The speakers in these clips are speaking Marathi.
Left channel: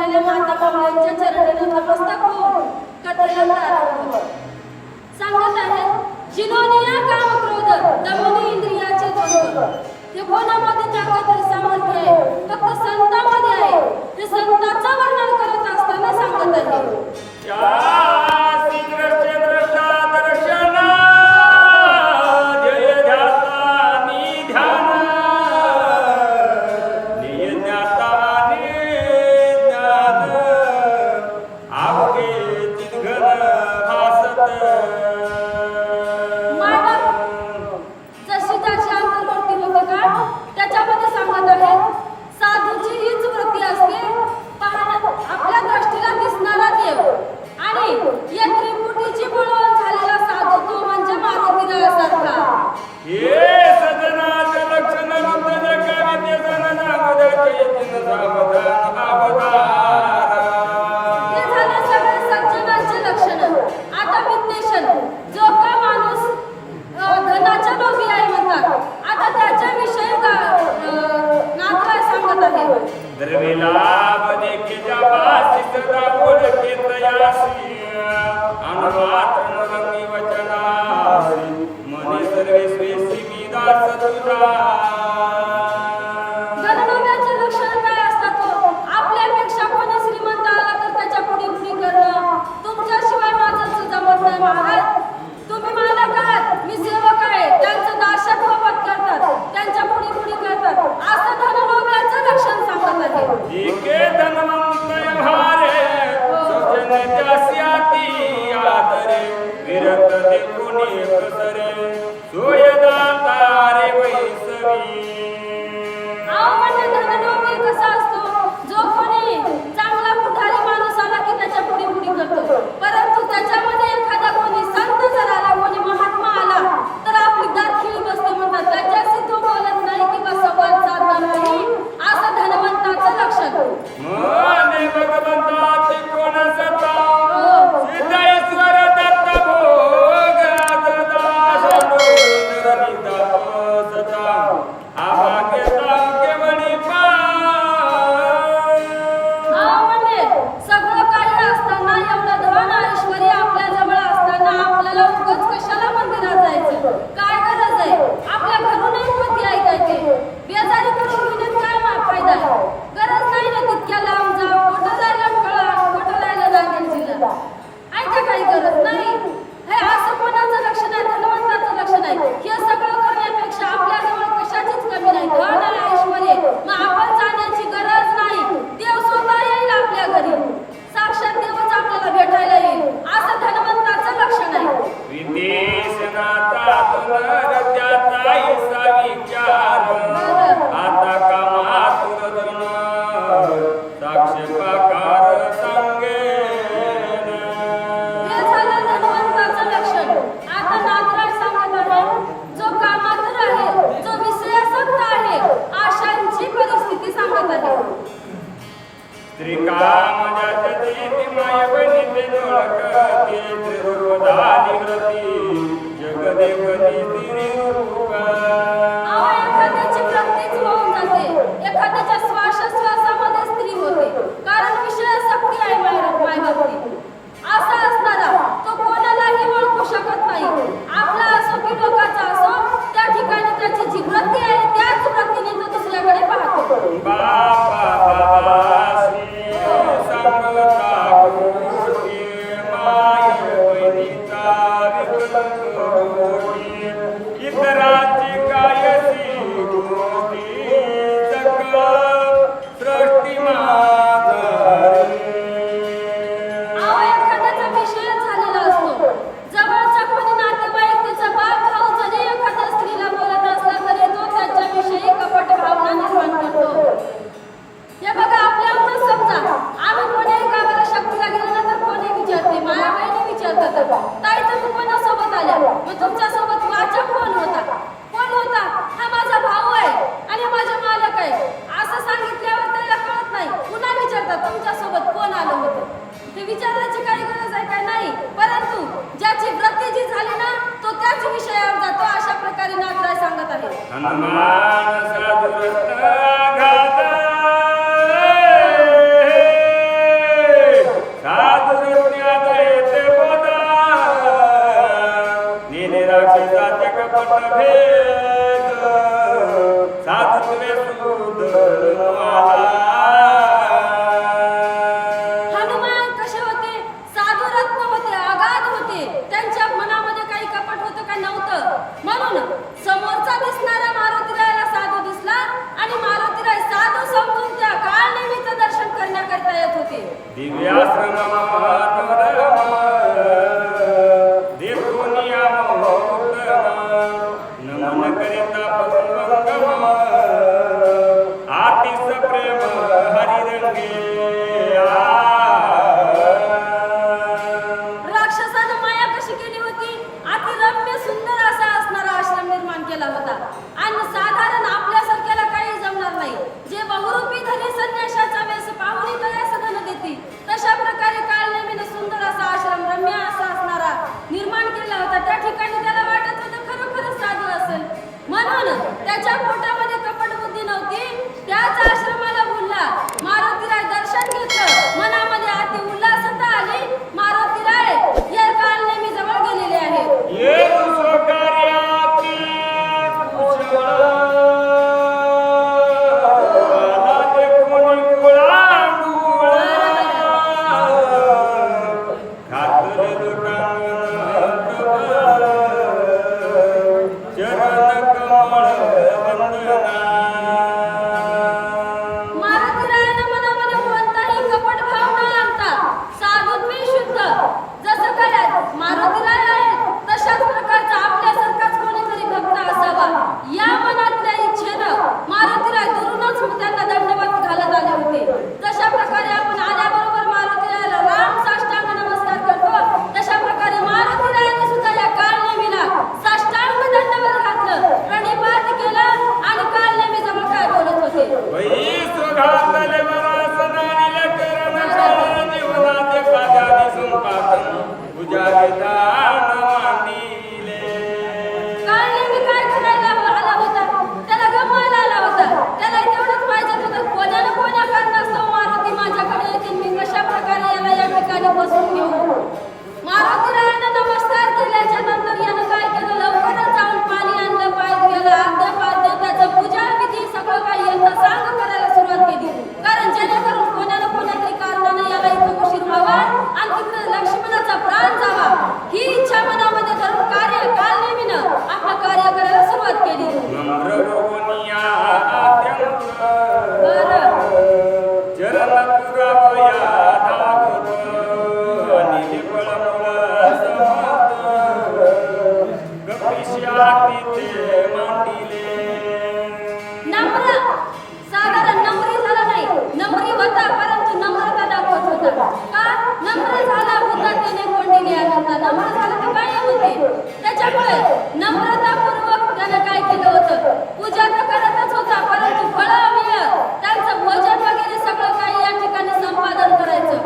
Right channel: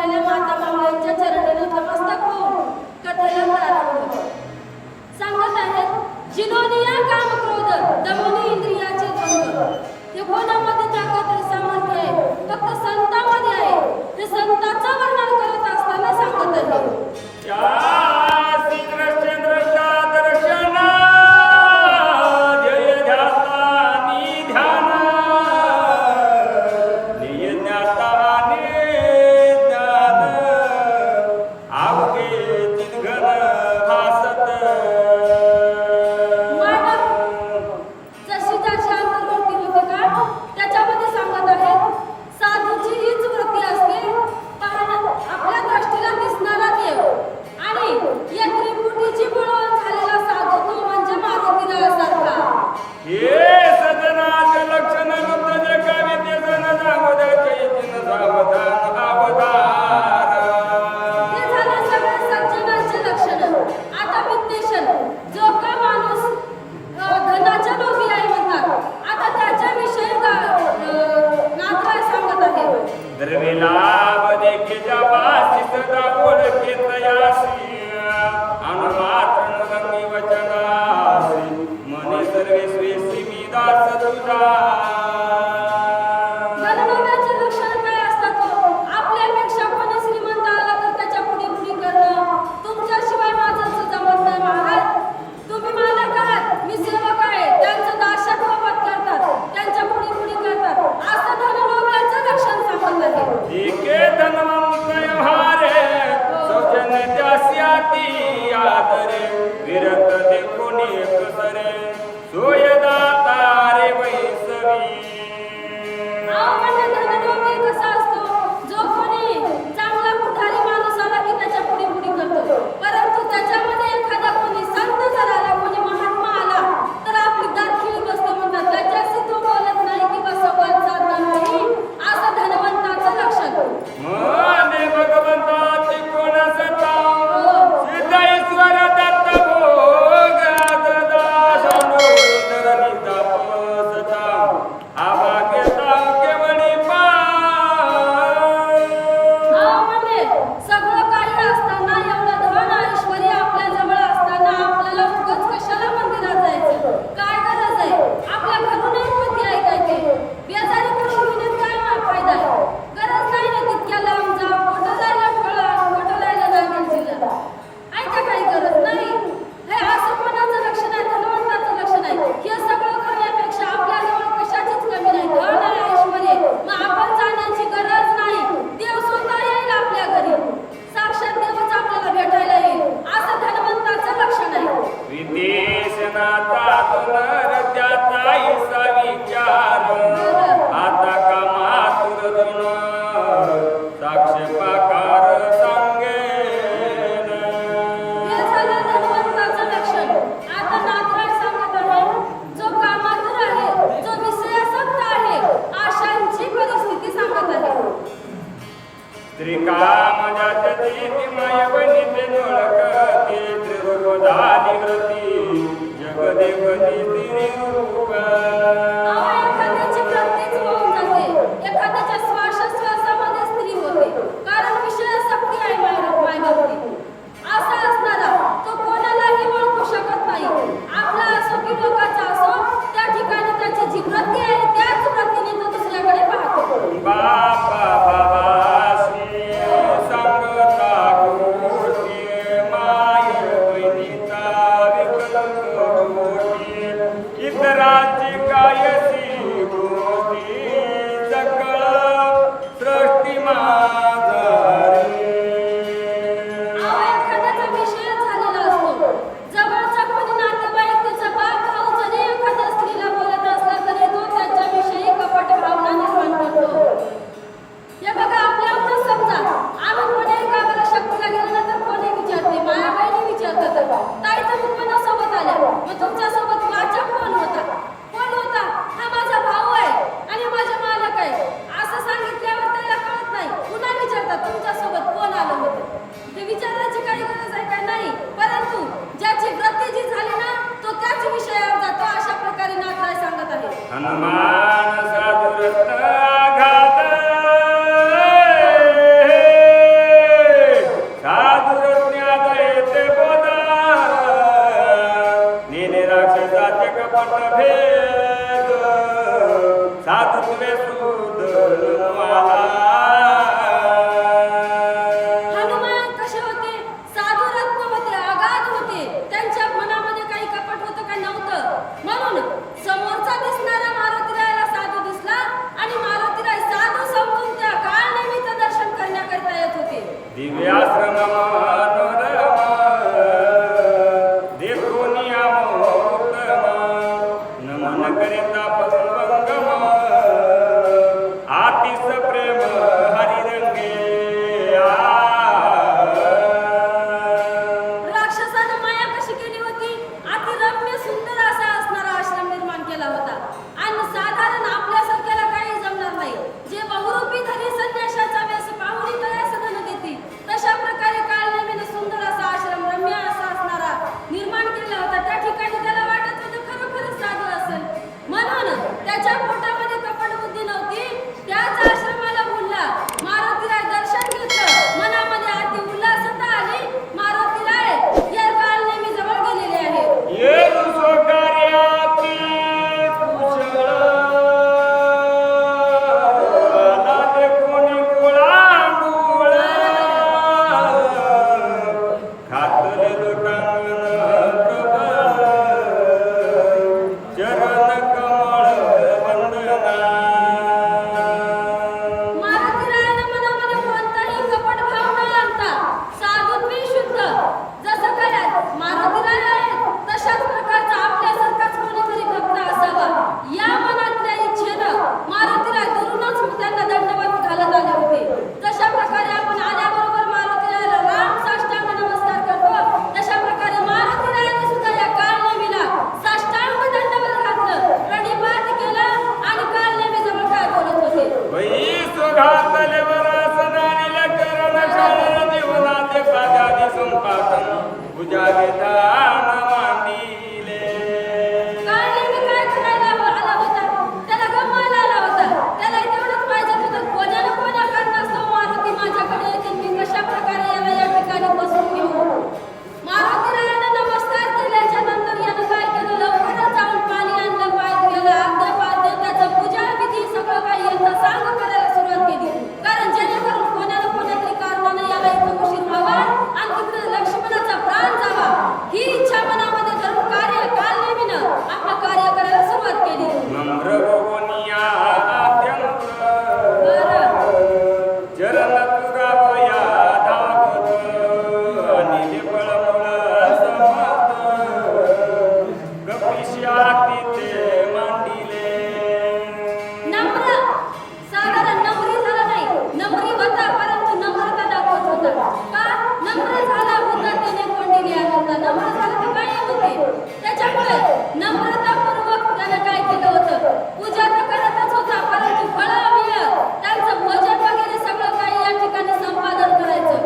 असलेल्या माता मावळ्यांच्या चरणी नतमस्तक होऊन कथेला प्रारंभ सांगत आहेत. जिनोनिया काम क्रोध दमनी इंद्रियाचे द्वंद्व. हे कोणामध्ये ताकद सामर्थ्य आहे? फक्त संतांमध्ये आहे. ते संतांचं वर्णन करत असताना सांगत आहे. परंतु त्याच्यामध्ये एखादा कोणी संत जर आला, कोणी महात्मा आला तर आपली दात खिळी बसते म्हणतात. त्याच्याशी तो बोलत नाही किंवा संवाद साधणार नाही, असं धनवंताचं लक्षण. भगवंताची कोण सता सिद्ध ईश्वर दत्त भोग सगळं काही असताना एवढं धन ऐश्वर्य आपल्या जवळ असताना आपल्याला उगाच कशाला मंदिरात जायचं? काय गरज आहे? आपल्या घरूनही पती ऐकायचे, बेजारी करून घेण्यात काय फायदा आहे? गरज नाही ना तितक्या लांब जा, कुठं जायला फळा, कुठं जायला लागेल जिल्हा. ऐका काही गरज नाही. हे असं कोणाचं लक्षण आहे? धनवंताचं लक्षण आहे. हे सगळं करण्यापेक्षा आपल्याजवळ कशाचीच कमी नाही, धन आहे, ऐश्वर्य. मग आपण जाण्याची गरज नाही. देव स्वतः येईल आपल्या घरी, साक्षात देवच आपल्याला भेटायला येईल, असं धनवंताचं लक्षण आहे. विदेशनाचा पुनर्त्याचा ईसा विचार आता कामातुर साक्ष पाकार सांगे. हे झालं धनवंताचं लक्षण. आता नाथराज सांगत आहे, जो कामातुर आहे, जो विषयासक्त आहे, आशांची परिस्थिती सांगत आहे. त्रिकाम जाती माय बनिते नोळकते त्रिरूप झाली व्रती जगदेवनी तिरूप. एखाद्याची प्रत्येक होऊन जाते, एखाद्याच्या श्वासोश्वासामध्ये स्त्री होते, कारण विषयासक्ती आहे मायबापती. असा असणारा तो कोणालाही ओळखू शकत नाही. आपला असो की लोकांचा असो, त्या ठिकाणी त्याची जी वृत्ती आहे त्याच वृत्तीने तो दुसऱ्याकडे पाहतो. बापा बाबा इतराची कायसी गोष्टी सकळ सृष्टी माझारी. एखाद्याचा विषय झालेला असतो, जवळचा कोणी नातेवाईक, त्याचा बाप भाऊ जरी एखाद्या स्त्रीला बोलत असला तरी तो त्याच्याविषयी कपट भावना निर्माण करतो. हे बघा, आपल्याला समजा आम्ही कोणी गावाला शक्तीला गेलो ना तर कोणी विचारते, माया बहिणी विचारतात, ताई तुम्ही कोणासोबत आल्या? मग तुमच्यासोबत वाचक कोण होता? कोण होता? हा माझा भाऊ आहे आणि माझा मालक आहे, असं सांगितल्यावर त्याला कळत नाही. पुन्हा विचारतात, तुमच्यासोबत कोण आलं होतं? ते विचारण्याची काही गरज आहे का? नाही. परंतु ज्याची वृत्ती जी झाली ना तो त्याच विषयावर जातो. अशा प्रकारे नाथराज सांगत आहे. हनुमान साधुरत्न घात मतभेद साधुत्वे सुधरवाला. हनुमान कसे होते? साधू रत्न होते, अगाध होते. त्यांच्या मनामध्ये काही कपट होतं का? नव्हतं. म्हणून समोरचा दिसणारा मारुतीरायाला साधू दिसला आणि मारुतीराय साधू समजून त्या काळनिमित्त दर्शन करण्याकरिता येत होते. दिव्याश्रम मनोरम देखोनिया मोहतम नमन करिता पवंगम आतिश प्रेम हरिरंगे. राक्षसानं माया कशी केली होती? अतिरम्य सुंदर असा असणारा आश्रम निर्माण केला होता आणि साधारण आपल्यासारख्याला काही जमणार नाही. जे बहुरूपी धनी संन्याशाचा वेश पाहुणी तयास धन देती, तशा प्रकारे काळनेमीनं सुंदर असा आश्रम रम्य असा असणारा निर्माण केला होता. त्या ठिकाणी त्याला वाटत होतं खरोखरच साधू असेल. म्हणून त्याच्या पोटामध्ये कपट बुद्धी नव्हती. त्याच आश्रमाला बोलला. मारुतीराय दर्शन घेतलं. मनामध्ये अति उल्हासता आली. मारुतीराय या काळनेमी जवळ गेलेले आहेत. ये स्वकार्याती कुशळ नाते कोणी कुळांगुळ खातले लोटांगण प्रबळ चरण कमळ वंदना. मारुतीरायानं मनामध्ये कोणताही कपट भाव न आणता साधुत्व शुद्ध जसं काय मारुतीराय आहेत तशाच प्रकारचा आपल्यासारखाच कोणीतरी भक्त असावा या मनातल्या इच्छेनं मारुतीराय दुरूनच त्यांना दंडवत घालत आले होते. जशा प्रकारे आपण आल्याबरोबर मारुतीरायाला राम साष्टांग नमस्कार करतो, तशा प्रकारे मारुतीरायाने सुद्धा या काळनेमीला साष्टांग दंडवत घातलं, प्रणिपात केला आणि काळनेमी जवळ काय बोलत होते. वही सुघातले वरासनानिल करण शाळन जीवनाते पादादी संपादन पूजा विधान मांडिले. काळनेमी काय करायला आला होता? त्याला गमवायला आला होता. त्याला तेवढंच पाहिजे होतं, कोण्या ना कोण्या कारणास्तव मारुती माझ्याकडे येतील, मी कशा प्रकारे याला या ठिकाणी बसून घेऊ. मारुतीरायानं नमस्कार केल्याच्या नंतर यानं काय केलं? लवकरच जाऊन पाणी आणलं, पाय धुयाला, अर्ध्या पाद्य त्याचं पूजा विधी सगळं काही यांचं सांग करायला सुरुवात केली. कारण जेणेकरून कोण्या ना कोण्यातरी कारणानं याला इथं उशीर व्हावा आणि तिकडे लक्ष्मणाचा प्राण जावा ही इच्छा मनामध्ये धरून काळनेमीनं आपलं कार्य करायला सुरुवात केली. नम्र भुवनिया अत्यंत बरं. चरण तुरावया धावत अनिल फळमूळ समत कपिशाती ते मांडिले. नम्र साधारण नम्री झाला नाही, नम्री होता परंतु नम्रता दाखवत होता. का नम्र झाला उदात्याने कोंडिली आनंद. नम्र झाला तर काय होते? त्याच्यामुळे नम्रतापूर्वक त्यानं काय केलं होतं? पूजा तर करतच होता परंतु फळाविय त्यांचं भोजन वगैरे सगळं काही या ठिकाणी संपादन करायचं.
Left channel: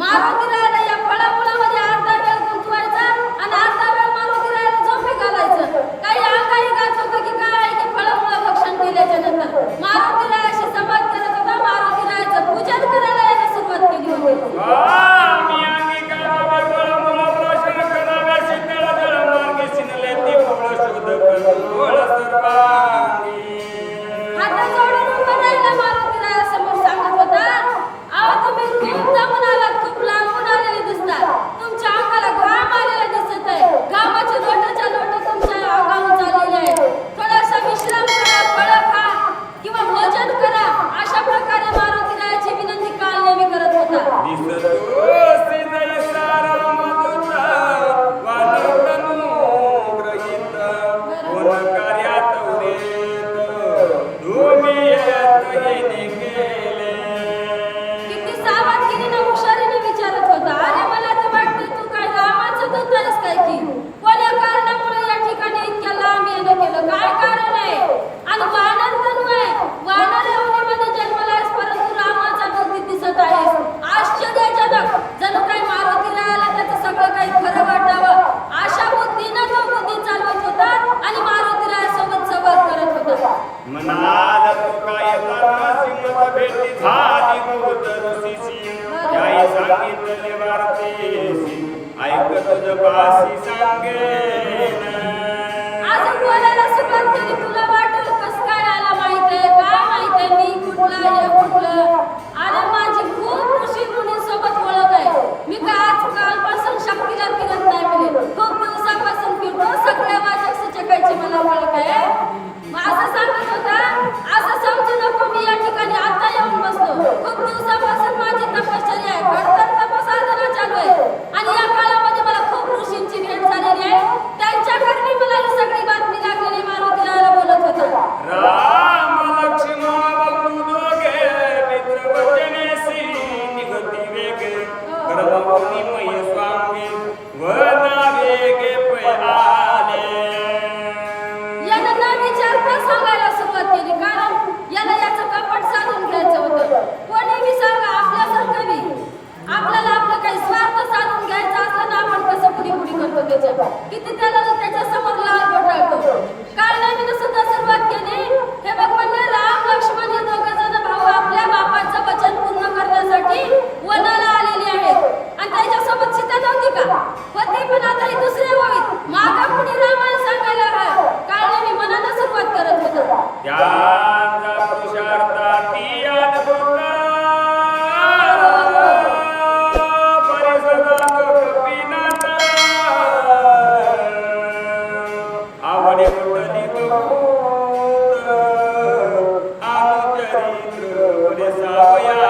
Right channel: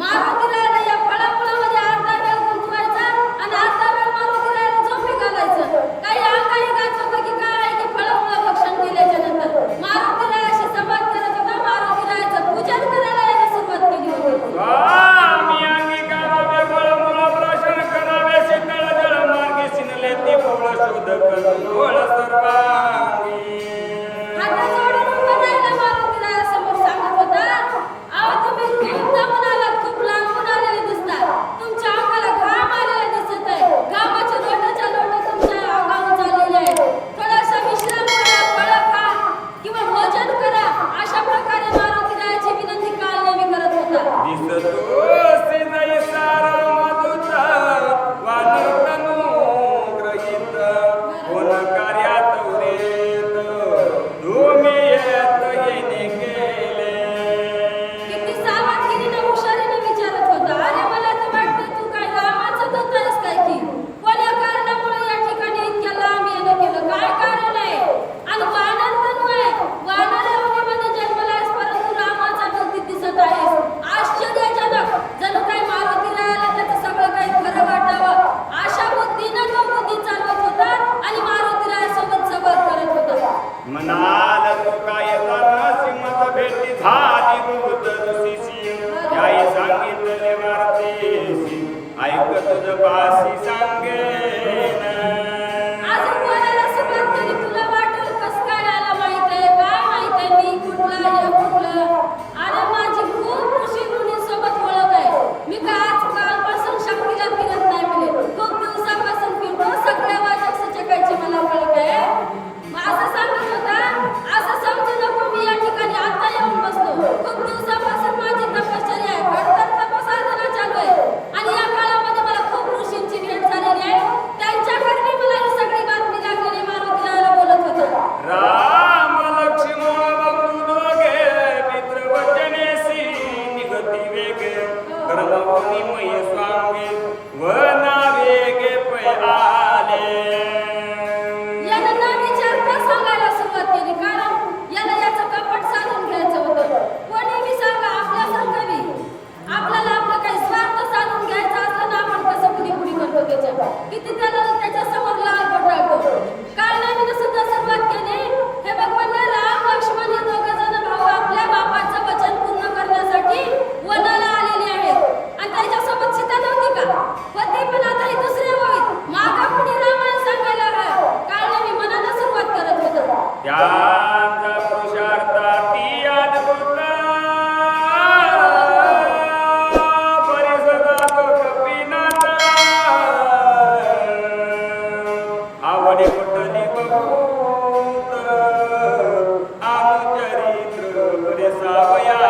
मारुतीरायाला या फळामुळामध्ये अर्धा वेळ गुंतवायचा आणि अर्धा वेळ मारुतीरायाला झोपी घालायचं. काही अंगाई गात होतं की काय आहे की फळामुळं भक्षण केल्याच्या नंतर मारुतीरायाशी संवाद करत होता. मारुतीरायाचं पूजन करायला याने सुरुवात केली होती. स्वामी अंगीकारावे फळमूळ प्राशन करावे शीतळ जळ मार्गे शिनले ती फळ शोध करुळ सर्वांगी. हात जोडून उभं राहिला मारुतीरायासमोर सांगत होता, अहो तुम्ही खूप दमून आलात, खूप लांबून आलेले दिसतात. तुमच्या अंगाला घाम आलेला दिसत आहे. घामाचे लोटाच्या लोट तुमच्या अंगावर चाललेले आहेत. थोडासा विश्राम करा, फळं खा किंवा भोजन करा. अशा प्रकारे मारुतीरायाची विनंती काळनेमी करत होता. दिसतो सिजय सारा मधुता वानरतनु ग्रहित कोण कार्यात उरेत तुम्ही येत येणे केले. किती सावधगिरीने हुशारीने विचारत होता. अरे मला तर वाटतं तू काय रामाचं दूत आहेस काय की? कोण्या कारणामुळे या ठिकाणी इतक्या लांब येणं केलं? काय कारण आहे? आणि वानर तनु आहे, वानर योनीमध्ये जन्मला आहेस परंतु रामाचा दूत दिसत आहेस. आश्चर्यजनक. जणू काही मारुतीरायाला त्याचं सगळं काही खरं वाटावं अशा बुद्धीनं तो बुद्धी चालवत होता आणि मारुतीरायासोबत संवाद करत होता. मनाल तो काय सिंहत भेटी झाली भूत ऋषीशी त्याई सांगितले वार्तेसी ऐक तुझ पासी सांगेन. अजून आता सांगायला सुरुवात केली, कारण याला याचं कपट साधून घ्यायचं होतं. कोणी बी सांगा, आपल्यासारखं बी आपल्याला आपलं काही स्वार्थ साधून घ्यायचा असलं ना, आपण कसं पुढी करतो त्याच्या किती त्याला त्याच्या समोर लाल पटाळतो. काळनेमीनं सुद्धा सुरुवात केली. हे बघ म्हणले, राम लक्ष्मण हे दोघं जण भाऊ आपल्या बापाचं वचन पूर्ण करण्यासाठी वनाला आलेले आहेत. आणि त्याच्यासोबत सीता नव्हती का? होती, पण आता ही दुसऱ्या ओळीत मागं पुढे रामायण सांगायला काळनेमी मनानं सुरुवात करत होता. त्यांचा पुरुषार्थाती अद्भुत परिसरात कपिनाथ आवडे कुठली बहुत आमचरित्र बरे सावया.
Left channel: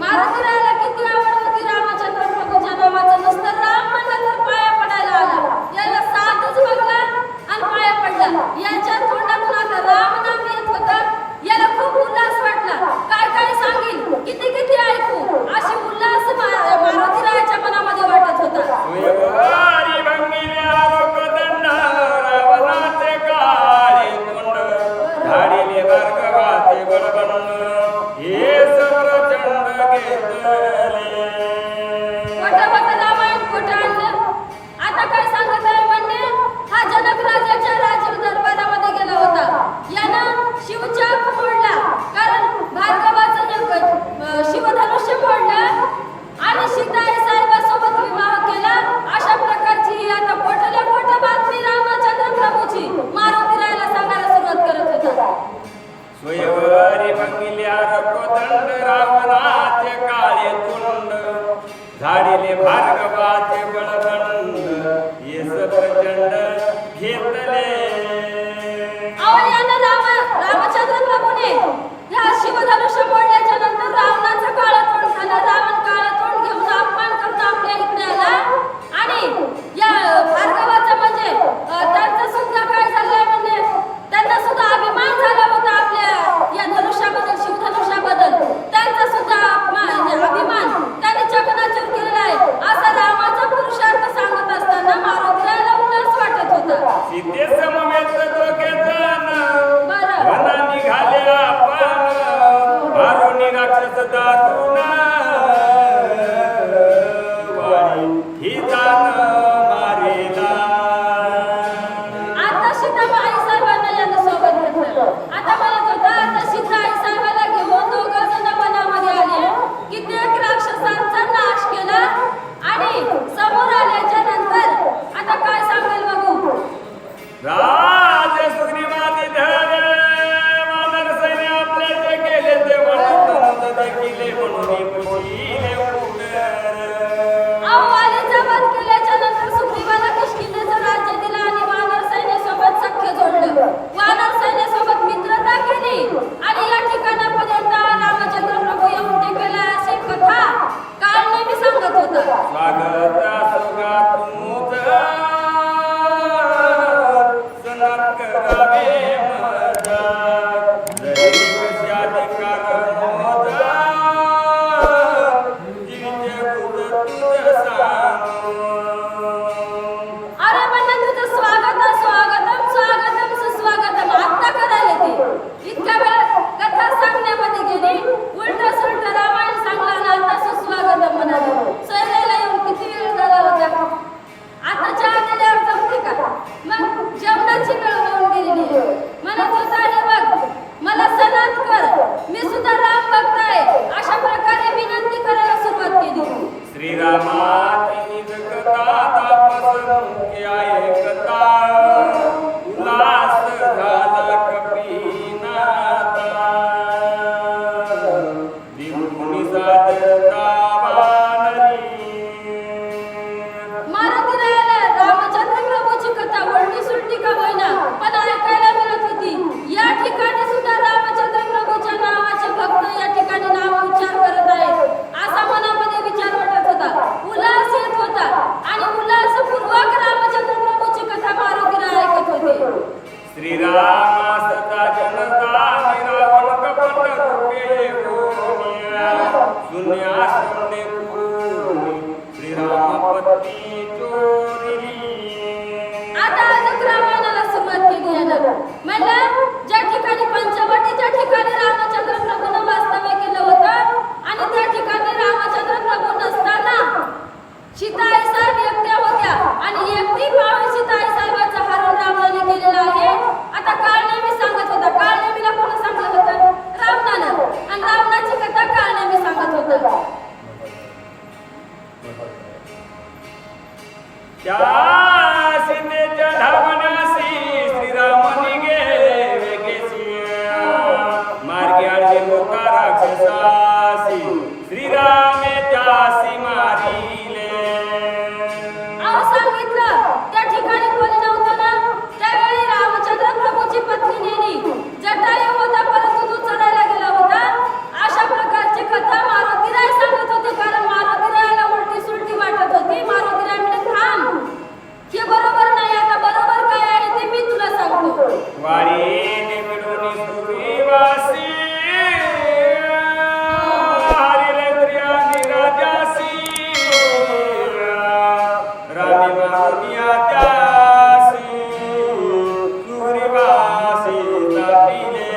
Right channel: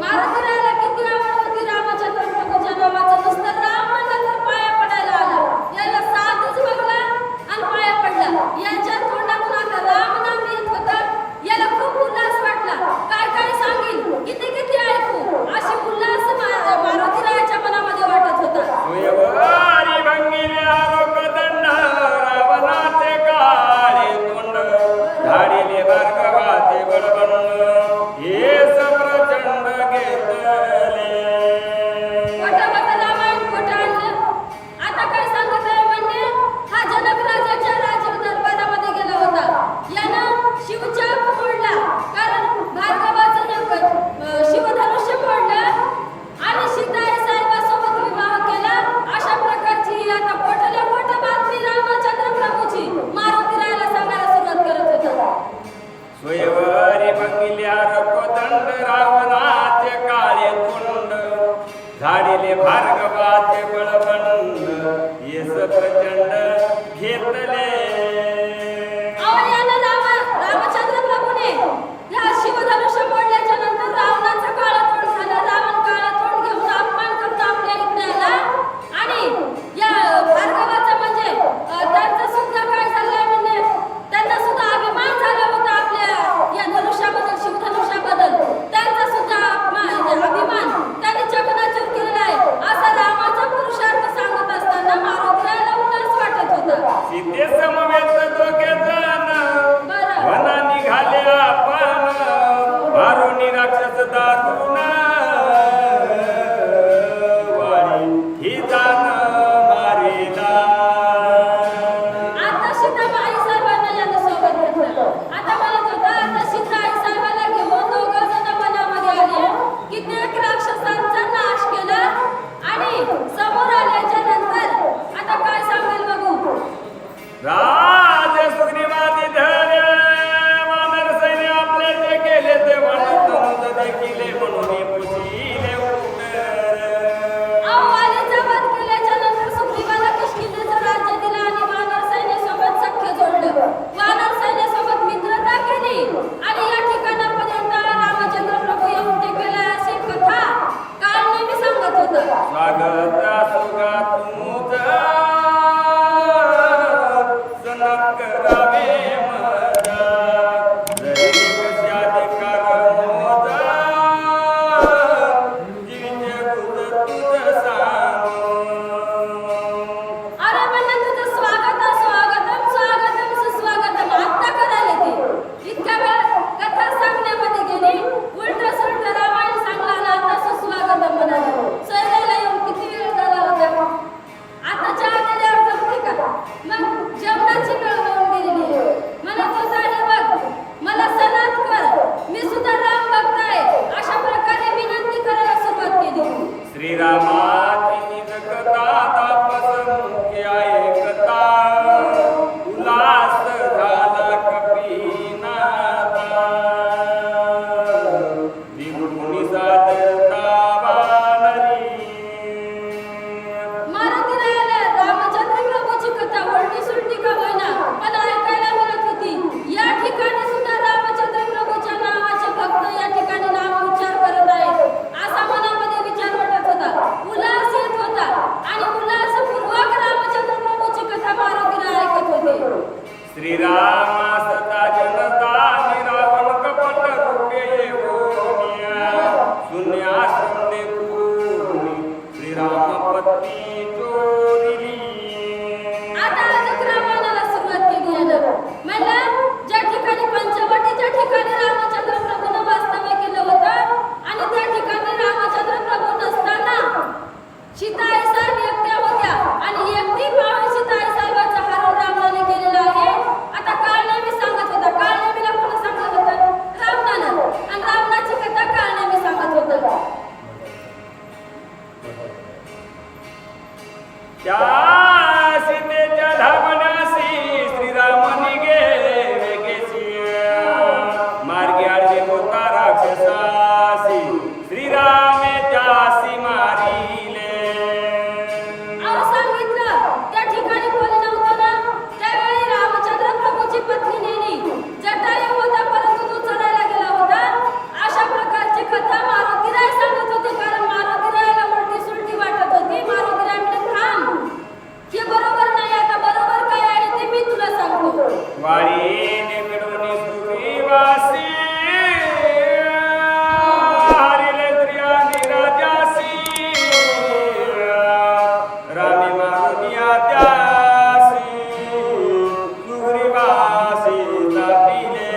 मारुतीरायाला किती आवड होती रामचंद्र प्रभूच्या नावाचं. नुसतं राम म्हणलं तर पाया पडायला आला. याला साधूच बघला आणि पाया पडला. याच्या तोंडातून आता राम नाम येत होतं. याला खूप उल्हास वाटला. काय काय सांगेल, किती किती ऐकू, अशी उल्हास मारुतीरायाच्या मनामध्ये वाटत होता. स्वयंवारी भंगिले आरोप दंड रावणाचे काळे तोंड झाडिले भार्गवाचे बळबंड हे प्रचंड घेतले. खोटं रामायण खोटं आणलं. आता काय सांगत आहे म्हणजे, हा जनक राजाच्या राजीव दरबारामध्ये गेला होता. यानं शिवचाप मोडला, कारण भार्गवाचं शिवधनुष्य मोडलं आणि सीताई साहेबासोबत विवाह केला. अशा प्रकारची ही आता खोटल्या खोटं बातमी रामचंद्र प्रभूची मारुतीरायाला सांगायला सुरुवात करत होता. स्वयंवारी भंगिले आरोप दंड रावणाचे काळे तोंड झाडिले भार्गवाचे बळबंड येस प्रचंड घेतले. रामचंद्र प्रभूने या शिवधनुष्य मोडल्याच्या नंतर रावणाचं काळं तोंड झालं. रावण काळं तोंड घेऊन अपमान करून आपल्या इकडे आला. आणि या भार्गवाचं म्हणजे त्यांचं सुद्धा काय झालंय म्हणजे, त्यांना सुद्धा अभिमान झाला होता आपल्या या धनुष्याबद्दल, शिवधनुष्याबद्दल. त्यांचा सुद्धा अभिमान त्यांनी चकनाचूर केलेला आहे. असा रामाचा पुरुषार्थ सांगत असताना मारुतीरायाला उल्हास वाटत होता. सीते समवेत दोघे जण वना निघाले आपण मारुनी राक्षस दारुण वाणी ही जाण मारेला. आता सीता आई साहेबांना यानं सोबत घेतलं. आता म्हणत होता, आता सीता आई साहेबाला घेऊन दोघं जण वनामध्ये आले. कित्येक राक्षसांचा नाश केला आणि समोर आल्याच्या नंतर आता काय सांगेल बघू. राज सुग्रीवादी धरे वानर सैन्य आपल्याचे केले ते म्हणून देखील म्हणून पुशीले वालीचा वध केल्याच्या नंतर सुग्रीवाला किष्किंधेचं राज्य दिलं आणि वानर सैन्यासोबत सख्य जोडलं. वानर सैन्यासोबत मित्रता केली आणि या ठिकाणापर्यंत रामचंद्र प्रभू येऊन टेकलेला अशी कथा काळनेमी सांगत होता. स्वागत सुगा तुझं सनत करावे मजा जरी कशाधिकार मोजा जीविते गुज तुझ सांगू. अरे म्हणलं तुझं स्वागतम सुस्वागतम आत्ता करायला ते. इतक्या वेळ कथा सांगण्यामध्ये गेली, उलट सुलट रामायण सांगला आणि आता सुस्वागतम म्हणाले. सोयऱ्याला येऊन किती वेळ झाला होता. आता चहा दिल्यावर जमते का? मग जेवणाची वेळ होऊन गेलेली आहे. म्हणत होता, हे बघ मला सनात कर, मी सुद्धा राम बघताय. अशा प्रकारे विनंती करायला सुरुवात केली. श्रीरामाची निज कथा तापस मुख्य ऐकता उल्हास झाला कपिनाथा दिवुनी साधता वानरी. मारुतीरायाला रामचंद्र प्रभूची कथा उलटी सुलटी का होईना पण ऐकायला मिळत होती. या ठिकाणी सुद्धा रामचंद्र प्रभूच्या नावाचे भक्त या ठिकाणी नाम उच्चार करत आहेत. असा मनामध्ये विचार वाटत होता, उल्हास येत होता आणि उल्हासपूर्वक रामचंद्र प्रभूची कथा मारुतीराय ऐकत होते. श्रीराम सदा जनता निरावण कपट रूपे येऊनिया शून्या शून्य भूमी श्रीराम पत्नी चोरिली. आता अजून रामायणाला केलं. म्हणलं ज्या ठिकाणी पंचवटीच्या ठिकाणी रामचंद्र प्रभूनं वास्तव्य केलं होतं आणि त्या ठिकाणी रामचंद्र प्रभू नसताना सीताई साहेब एकट्या होत्या आणि एकटी पाहून सीताई साहेबाचा हरण रावणाने केलेला आहे. आता काळनेमी सांगत होता. काळनेमीला कोण सांगलं होतं? रावणानं. आणि रावणाची कथा काळनेमी सांगत होता. त्या सीतेच्या धावण्यासी श्रीरामनी गेले केसी मार्गी आडवे होता राक्षसासी श्रीरामे त्यासी मारिले. अहो सांगितलं त्या ठिकाणी कोणी नव्हतं ना. त्यावेळी रामचंद्र प्रभूची पत्नी नेली. जटायू होता परंतु तो चढायला गेला होता. अशा प्रकारची कथा मारुतीराय सांगत होते. कारण मारुतीरायाला उलटी सुलटी वाटत होती. मारुतीराय म्हणजे थांब, हे बरोबर नाही. आता बरोबर काय आहे ते मी तुला सांगतो. वाडी निकडून सुग्रीवासी हरिले स्त्रियांनी राजासी रामी मारुतिया त्यासी सुग्रीवासी तापिले.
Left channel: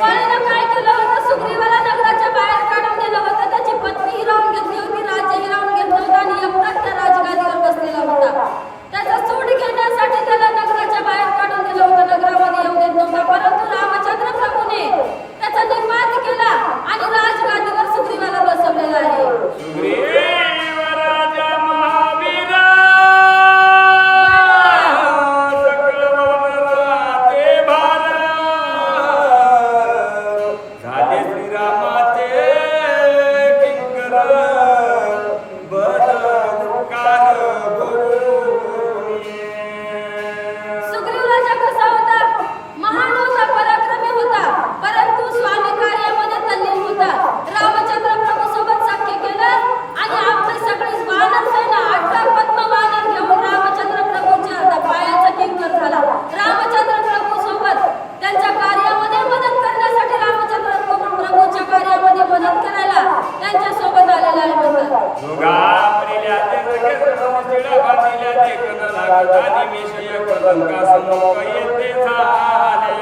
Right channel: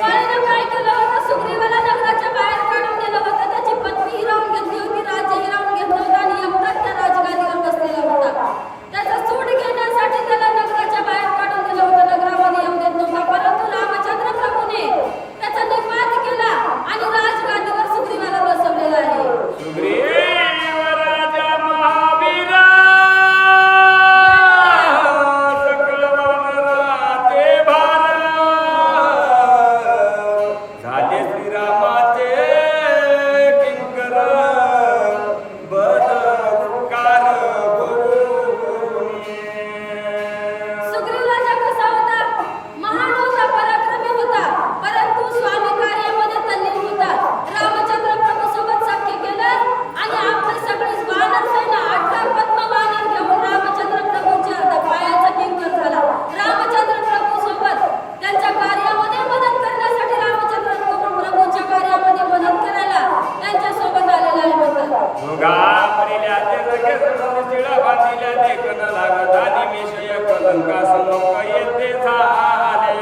वाणीनं काय केलं होतं? सुग्रीवाला नगराच्या बाहेर काढून दिलं होतं. त्याची पत्नी हिरावून घेतली होती, राज्य हिरावून घेतलं होतं आणि एकटाच त्या राजगादीवर बसलेला होता. त्याचा सूट घेण्यासाठी त्याला नगराच्या बाहेर काढून दिलं होतं. नगरामध्ये येऊ देत नव्हता. परंतु रामचंद्र प्रभूने त्याचा निपात केला आणि राजगादीवर सुग्रीवाला बसवलेला आहे. सुग्रीव राजा महावीरा सकळ वनराचे भार झाले श्रीरामाचे किंकर बद उपकार बोलूनी. सुग्रीव राजा कसा होता? महान होता, पराक्रमी होता, परंतु स्वामी कार्यामध्ये तल्लीन होता. रामचंद्र प्रभू सोबत सख्य केलं आणि आपली सगळी वानर सेना 18 पद्म वानर घेऊन रामचंद्र प्रभूच्या पायाचा किंकर झाला. रामचंद्र प्रभू सोबत त्यांच्या कार्यामध्ये मदत करण्यासाठी रामचंद्र प्रभूच्या कार्यामध्ये मदत करायला त्यांच्या सोबत आलेला आहे म्हणतात. दोघा परिल्या ते जगे शिळा बांधिल्या देखन लागत आणि विषय कलंका समुख येते झाले.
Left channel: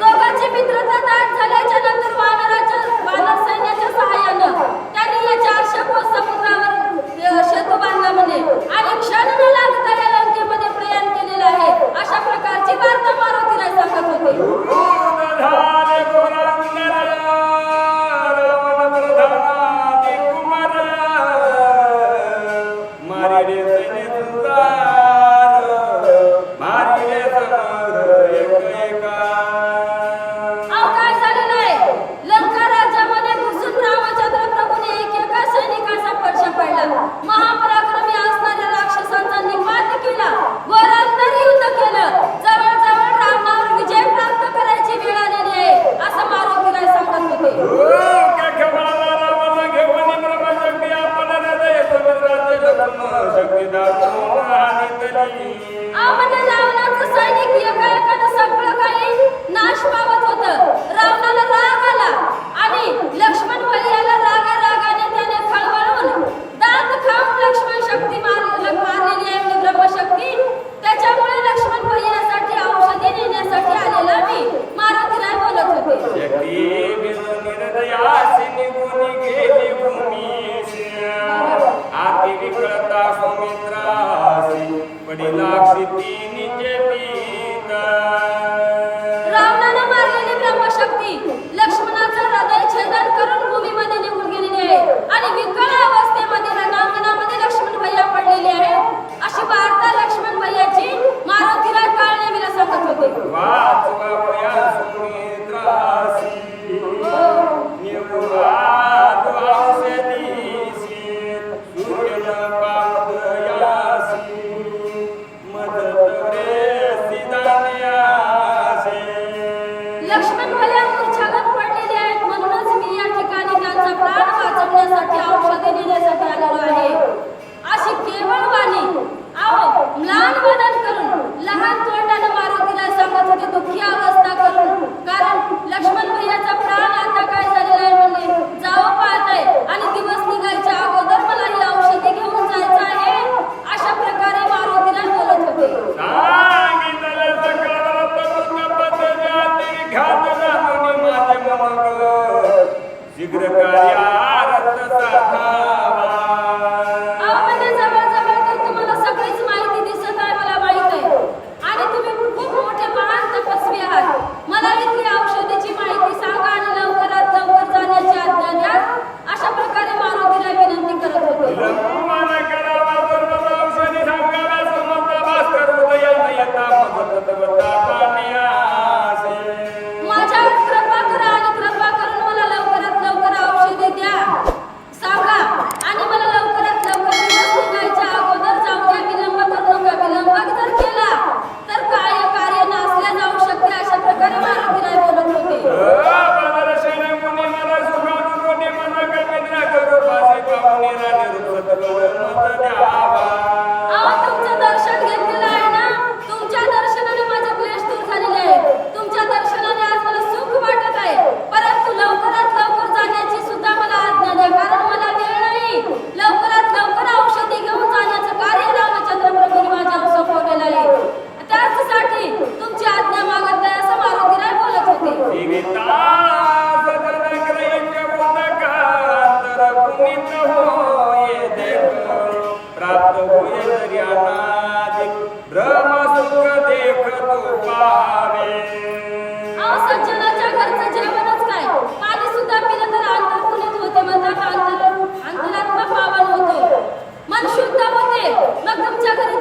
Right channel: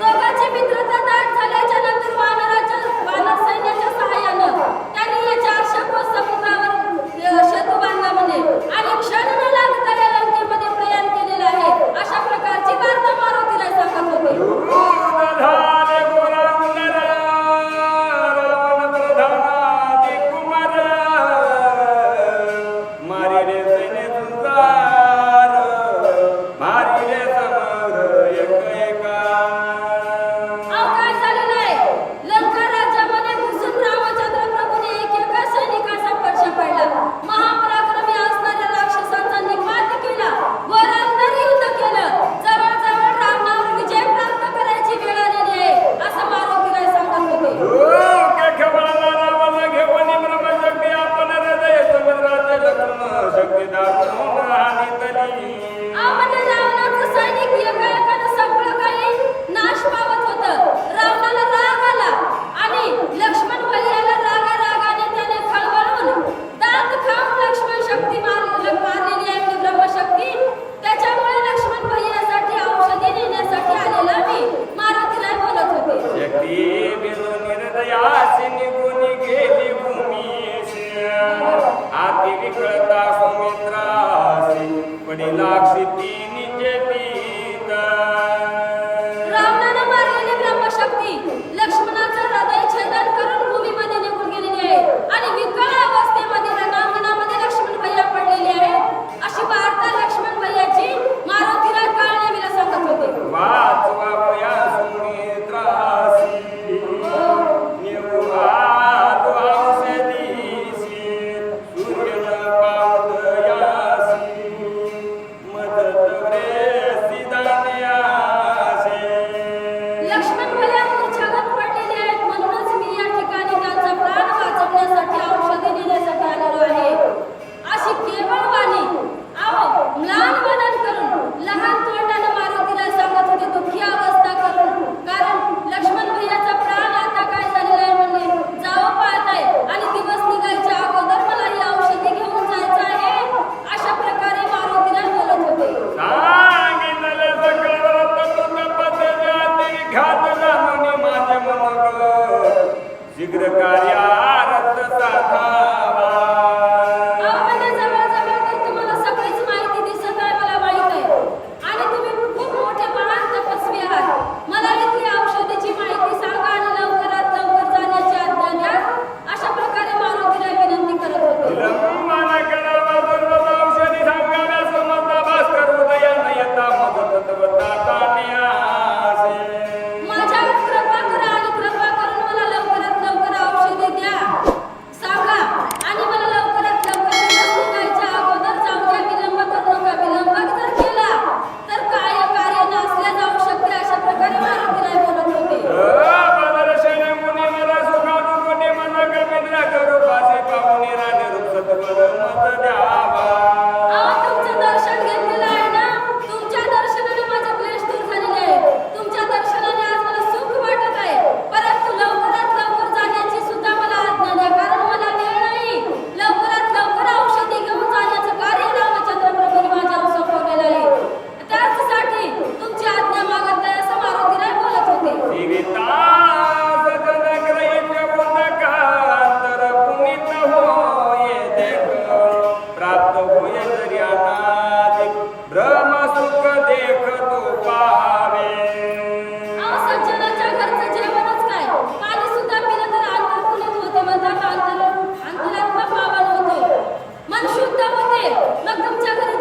दोघांची मित्रता दाट झाल्याच्या नंतर वानर सैन्याच्या सहाय्यानं त्यांनी या 400 कोस समुद्रावर सेतू बांधला म्हणे आणि क्षण न लागता या लंकेमध्ये प्रयाण केलेलं आहे. अशा प्रकारची वार्ता मारुतीराय सांगत होते. दूध झाले गोरांगण रावण प्रधानादी कुमार मारिले सैन्य तुंगार मारिले समर एक एका. अहो काय झालेलं आहे? लंका राज्यामध्ये घुसून रामचंद्र प्रभूने एका सैनिकाचा फडशा पाडला. महापराक्रमी असणाऱ्या राक्षसांचा निपात केला. घोरांतर युद्ध केलं. जवळजवळ रावणावर विजय प्राप्त करायची वेळ आलेली आहे असं मारुतीराय सांगत होते. रावण घेऊन ब्रह्मशक्ती आपण हृदय समुद्राचे लग्न शक्ती दाखवून हानितली. अहो म्हणजे रावणाचं सैनिक एकाएकानं सगळं काही नाश पावत होतं. रावणाला राग आला आणि लक्ष्मण भैयाला रागाने त्याने खळबळून दात खाऊन लक्ष्मण शक्ती मारलेली आहे म्हणजे ब्रह्मशक्ती. त्याच्यामुळे लक्ष्मण भैयासाठी औषधी नेण्यासाठी आलेला मी मारुतीराय बोलत होते. शक्ती बिंदू निर्दयासी निघून गेली भूमीशी आती विकळता सुमित्रासी पडिला क्षिती निजेतीत. रावणानं मारलेली ब्रह्मशक्ती लक्ष्मणाचं हृदय छेदन करून भूमीमध्ये निघून गेलेली आहे आणि विकळ अवस्थेमध्ये रणांगणामध्ये लक्ष्मण भैया पडलेले आहेत. अशी वार्ता लक्ष्मण भैयाची मारुतीराय काळनेमीला सांगत होते. वाचवा वया सुमित्रासी निवुआ औषधीसी सूर्य पावदयासी मदत रे सिदान्यासे. लक्ष्मण भैया मूर्छागत पडलेले आहेत. म्हणूनच मी या ठिकाणी त्यांचा प्राण वाचवण्यासाठी औषधी देण्यासाठी आलेलो आहे. अशी केवळ वाणी अहो म्लान वदन करून लहान तोंडानं मारुतीला सांगत होती. दुःखी अवस्था शीघ्र कार्यारत साधावा. अहो, म्हणजे जवळ तर तुम्हाला सगळीच माहिती दिसत आहे, मला माहित आहे. आणि तुम्ही खूप मोठे महान तपस्वी आहात. मला इथली औषधीची माहिती सांगा आणि लवकरात लवकर जाण्याची आज्ञा द्या. अशा प्रकारे मारुतीला विनंती करत होते. विलंबन करावा दुर्लभ औषधी सांगाव्या समर्थ भास्कर उदयान यथा मदत तत्वता कान्यासे. माझ्यावर कृपा करा आणि कृपा करून मला लवकरात लवकर औषधे द्या, सांगा. आणि मला लवकरात लवकर दिवस निघायच्या अगोदर जाऊ द्या. विलंब करू नका. विलंब जर केला तर कार्य नासल्या जाऊ शकते. अशा प्रकारे मारुतीराय बोलत होते. बदर्शने मुनी मला सुखानु कोणी मन कल्पित्रा करू पासी पाहुनी राणी रूप सत्वर मत द्यावा. अहो, तुमचं दर्शन घेतलेलं आहे ना. तुमच्या दर्शनाने माझे क्लेश दूर झालेले आहेत. तुमच्या दर्शनाने आज मला सुख वाटत आहे. परंतु लवकरात लवकर जाण्याची सुद्धा मला आज्ञा द्या, कारण मला वेळ नाही. लवकरात लवकर औषधी घेऊन जाण्याचं कार्य रामचंद्र प्रभूंनी माझ्यावर सोपवलेलं आहे. त्यासाठी तुमची आज्ञा मागत आहे, असं मारुतीराय बोलत होते. जीविता सदन ग्रहित बोधकांतर पुनीत होये देख प्राप्त होय जरी अनादि भ्रम सुख देख तो पावे. अहो, सज्जनाच्या घरचं जेवणच काय, पाणी सुद्धा पिलं तर अंतर्पुनीत होते म्हणतात. अंतरात्मा पावन होतो, मन शुद्ध होते. मग तुमच्या घरी